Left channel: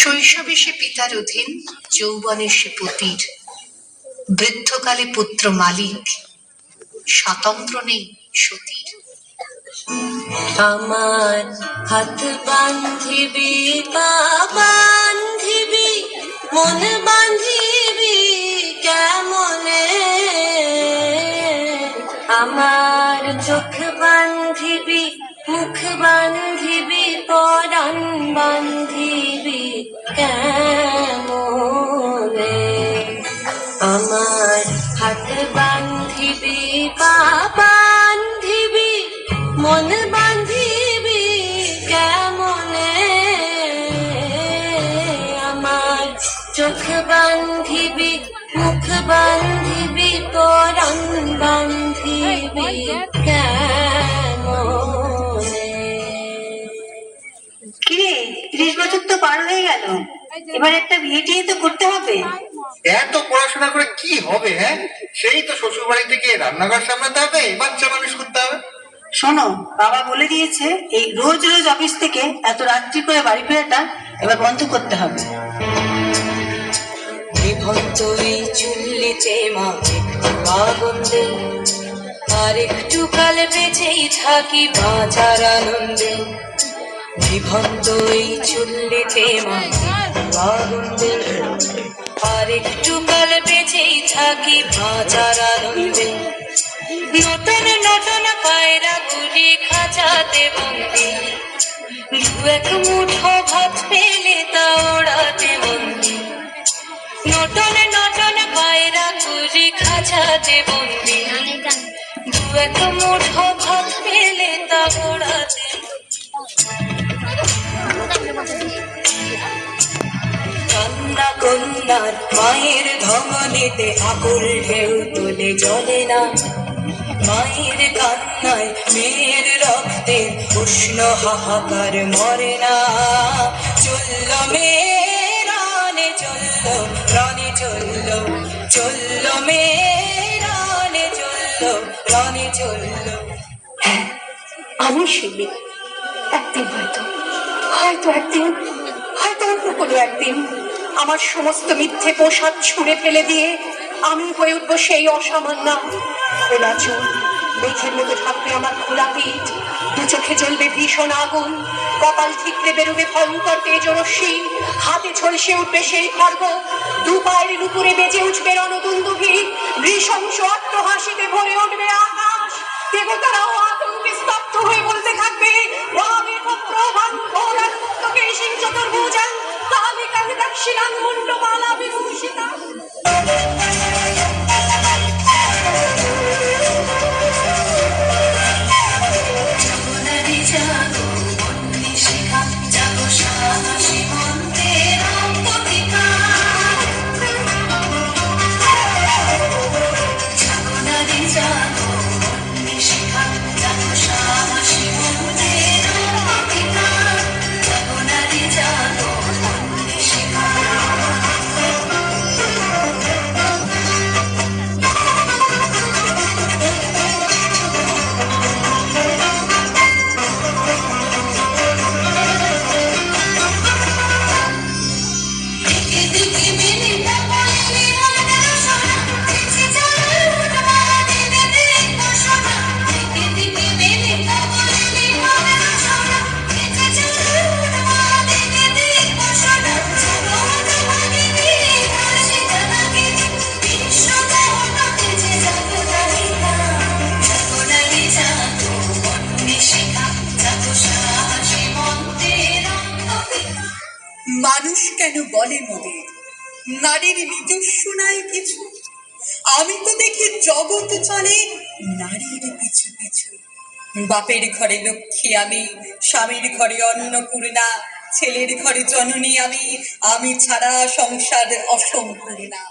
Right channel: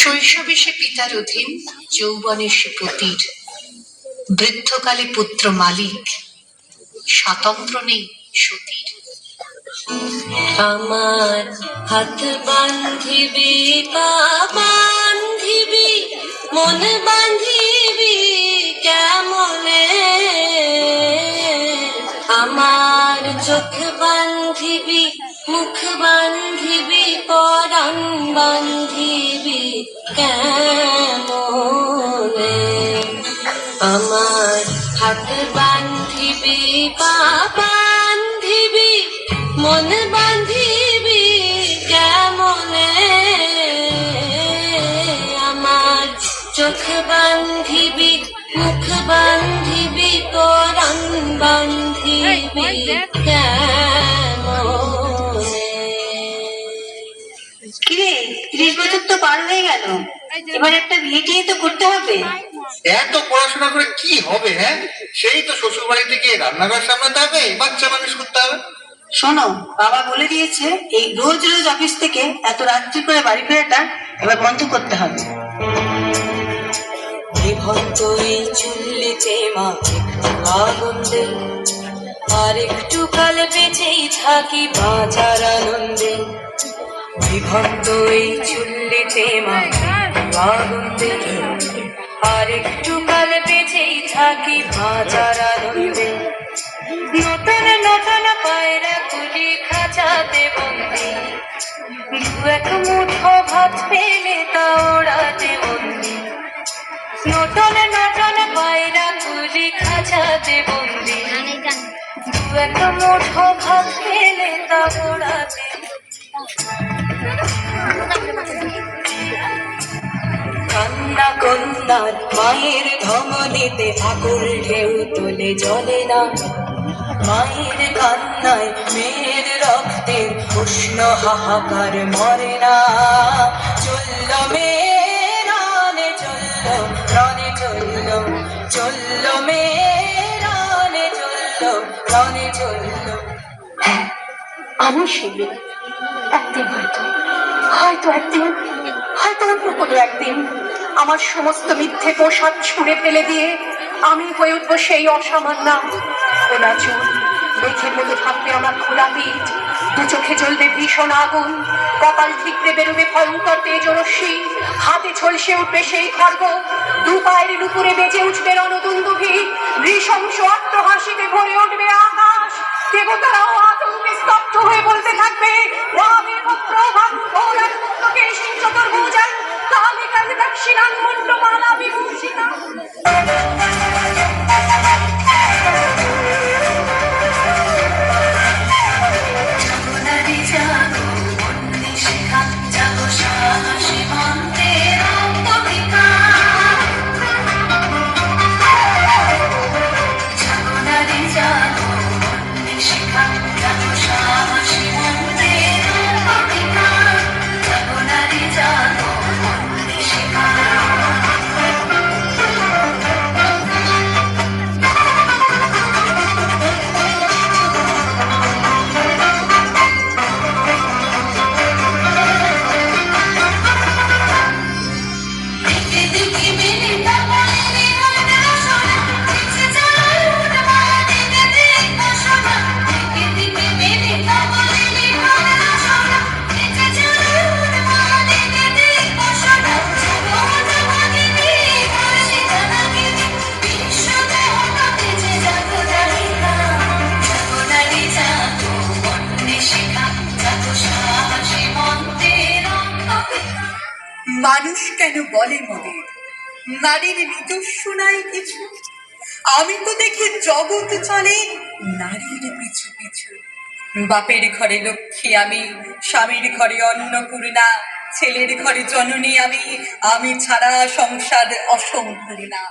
শৈশবে সে পিতার অধীন, যৌবনে সে পতির, বৃদ্ধকালে পুত্র মালিক, স্বাতন্ত্র নেই সতীর। আমার হাত বান্ধিবি পা বান্ধিবি মন বান্ধিবি কেমনে, আমার চোখ বান্ধিবি মুখ বান্ধিবি পরাণ বান্ধিবি কেমনে, আমার হাত বান্ধিবি পা বান্ধিবি মন বান্ধিবি কেমনে, আমার চোখ বান্ধিবি মুখ বান্ধিবি পরাণ বান্ধিবি কেমনে। কিরে 30 বছর তো পার হয়ে গেল, এবার একটা বিয়ে টিয়ে তো করতে হবে। এত পড়াশোনা করে কি হবে? হ্যাঁ, সেই তো শ্বশুর বাড়ি থেকে রান্নাঘর সামলাতে হবে, বাচ্চা মানুষ করতে হবে। শোনো, বাবা বলে দিয়েছে এই রোজ রোজ অফিস থেকে এত রাত্রি করে বাড়ি ফেরাটা এবার বন্ধ করতে হবে। বিভক্তই চুল্লিতে মা একটু আগুন দে, আর একটু কাল বেঁচেই থাকি বাঁচার আনন্দে। বিভক্তই চুল্লিতে মা একটু আগুন দে, আর একটু কাল বেঁচেই থাকি বাঁচার আনন্দে। নতুন নতুন পায়রা গুলি খাঁচাতে বন্দি, দু এক মুঠো ভাত পেলে তা ওড়াতে বন্দি। নতুন নতুন পায়রা গুলি খাঁচাতে বন্দি, দু এক মুঠো ভাত পেলে তা ওড়াতে। কান্না কন্যার মায়ের ধমনীতে আকুল ঢেউ তোলে জলে না, মায়ের কান্নায় মেয়ের রক্তের উষ্ণ হাহাকার মরে না। চলল মেয়ে রানে চলল, রনে চলল, চলল মেয়ে রানে চলল, রনে চলল। হ্যাঁ, অবশ্যই বিয়ে। একদিন হয়তো অন্য কোনো একদিন আমার সমস্ত মিথ্যে পোশাক ছুঁড়ে ফেলে দিয়ে আমি হয়ে উঠবো সেই অসামান্য। খোলা চুল, মেঘের মতো থাকবে আমার খোলা পিঠ, দু চোখে জ্বলবে ভীষণ আগুন, কপাল ঠিকরে বেরোবে ভয়ঙ্কর তেজরশ্মি, হাতে ঝলসে উঠবে সেই খড়গ, দু পায়ের নুপুরে বেজে উঠবে রণদুন্দুভি, নৃশংস অট্টহাসিতে ভরে উঠবে আকাশ। দেবতারাও আতঙ্কে স্তব্ধ হয়ে বলতে থাকবে, মালা বিভূষিতা। মানুষ কেন বলে মোদের নারীর নিজস্ব নাই কিছু? আমি তো দেখি জগৎ চলে নারীর পিছু পিছু। বাপের ঘরে লক্ষ্মী আমি, স্বামীর ঘরে অন্নপূর্ণা, ছেলের ঘরে জননী আমি, আমি ছাড়া সংসার অসম্পূর্ণা।